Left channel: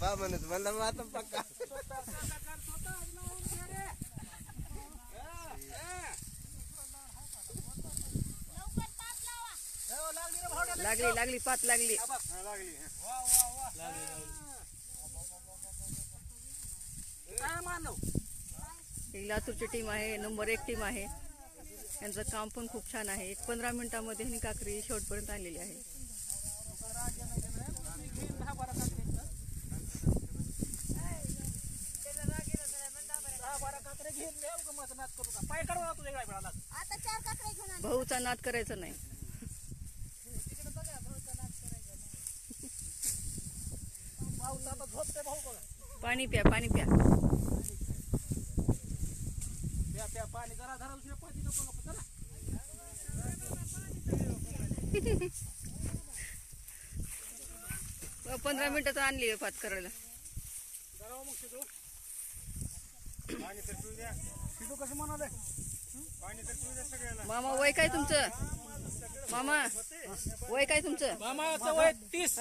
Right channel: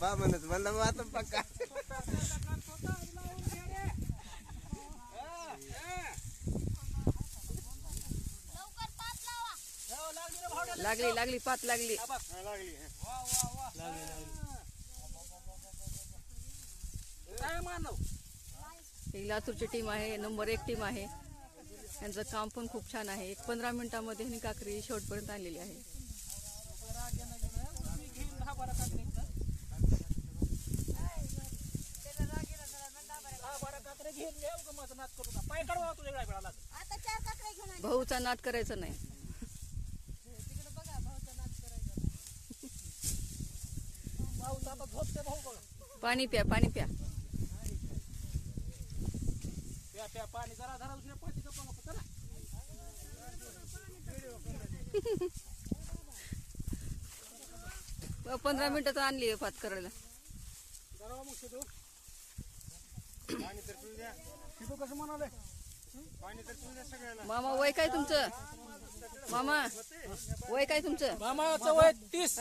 पा म्हणत म्हणलं मग आता पक्का लागली लागली पात लागली. ही लातूरची टीम आहे, नंबर 1 टीम आहे. यांचं काम पण खूप छान आहे. 15 मिनिटांमध्ये ही काकरी शेवटपर्यंत आणलेली आहे. भाऊचा नाद करायचा नाही. पाणी प्या, पाणी प्या. पाणी जरा जरा 15 मिनिटात आणली पात करायला. कसं म्हणाले मामा वय काय तुमचं? मामा वय काय तुमचं? मामाचं वय 30.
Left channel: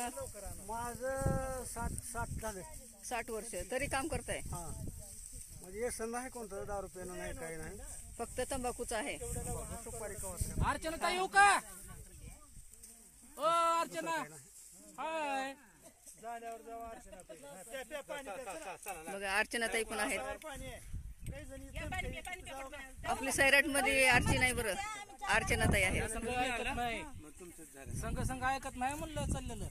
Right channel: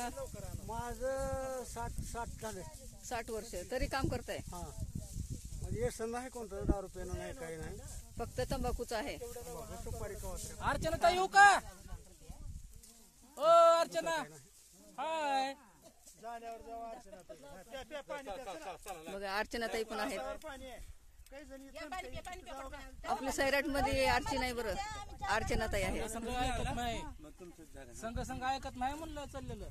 माझं 60 झाले. 60 वर्ष तरी काम करताय. म्हणजे व्यसन नाही, कोणतं दारू पिणं नाही, काही नाही, फक्त तंबाखूच आहे. सुपारी कवच. अर्चना ताई येऊ का? ओ अर्चना हाय. बघा अर्चनाताई पण आहेत. आपली सैराट मध्ये अर्ची नाही बरं, अर्चनाताई आहे. संघ संघ ऐकत नाही म्हणलं चाललेलं.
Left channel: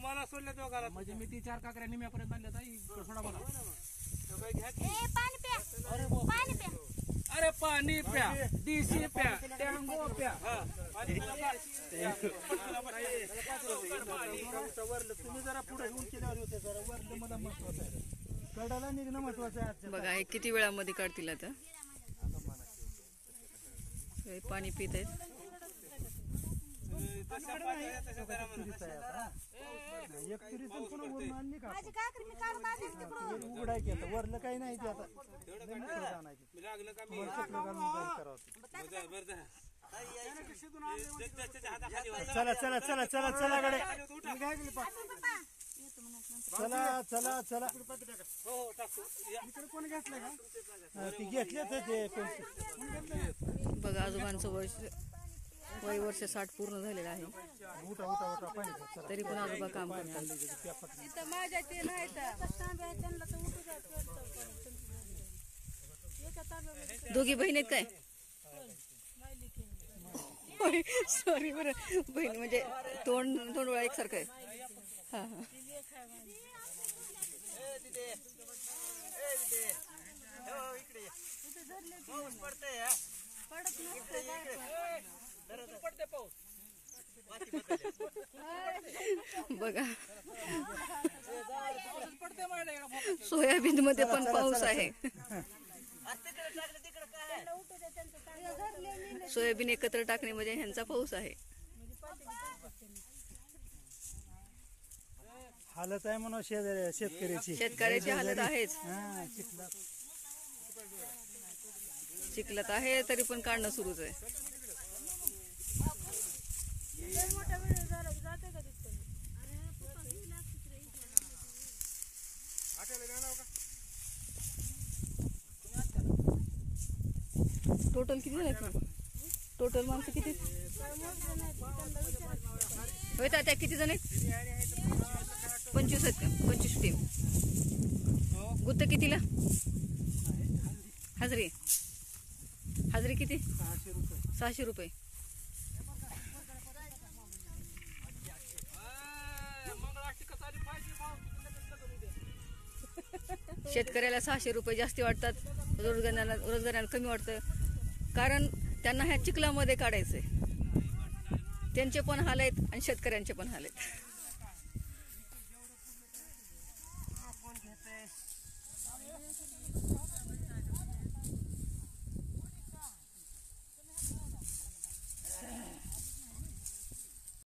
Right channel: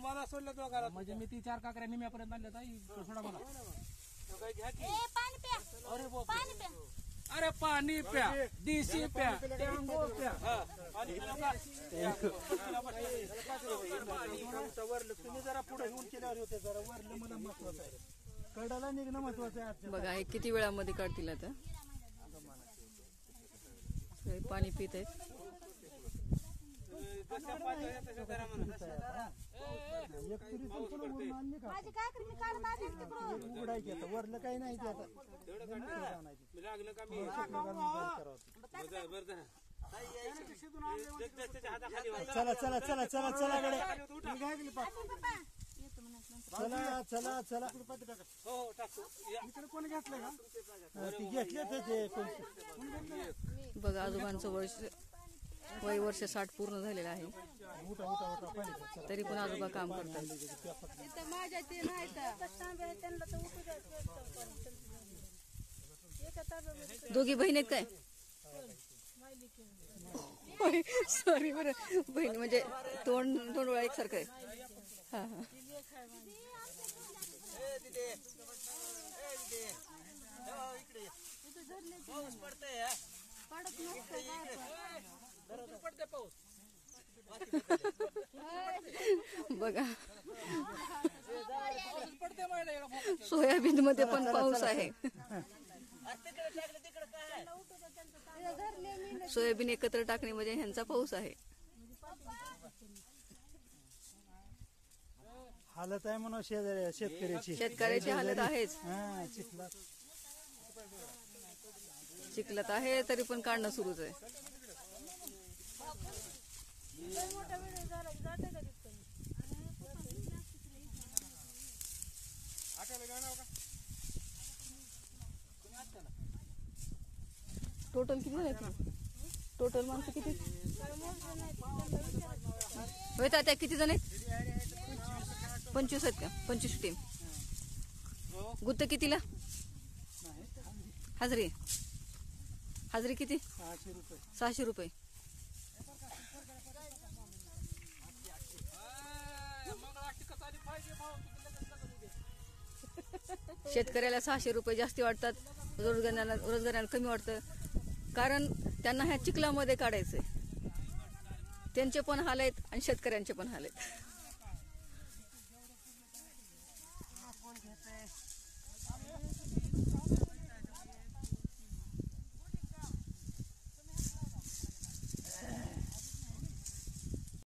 मला सोडले तो म्हणजे मी ती 4 काकऱ्या निम्यापर्यंत आणल्या ताई. सोडा मला. अरे पाणी प्या, देशी प्या, टँगो प्या. तुम्ही जरा पुढे येऊन केल्यावर होते, जरा वरलं मला महत्वाचं आहे. कडाला निघणं महत्वाचं आहे. बघा हे किती वेळामध्ये काढतील आता. पाणी पित आहेत. वरलं काही नाही ते आता. चला चला चला चला चला गडे. चला चला चला. इकडे कोणी घेतलं का? घेतले ते. बघा आजोबांचं वय वर्ष 60 पूर्ण झालेलं आहे. तरी पण आजोबा काम करतात. दोघी बहीण आहेत काय? सॉरी बरं, बहीण म्हणजे तोंड डोळा एकसारखं आहे. हा हा. बघा सोयाबीन मध्ये पण पाऊस आहे. सोयाबीन एकत्र टाकणे म्हणजे ह्यांचा पाऊस आहे. हालत आहे म्हणून शेतकऱ्याची हालत आहेच. चिखलात आहे तरी पण काढणं सुरूच आहे. टोटल किती झाले? टोटल माणसं किती होय तात्या? किती जण आहेत? 25 आहेत का? 25 टीम. गुत्त कितीला? हाजरी हाजरी किती? 600 रुपये. शेतकऱ्याला 600 रुपये जास्ती वाटतात, रोजगाराला कमी वाटतं. कारण त्यांना ह्या चिखलामध्ये काढायचंय. त्यांचे पण हाल आहेत आणि शेतकऱ्यांचे पण हाल आहेत.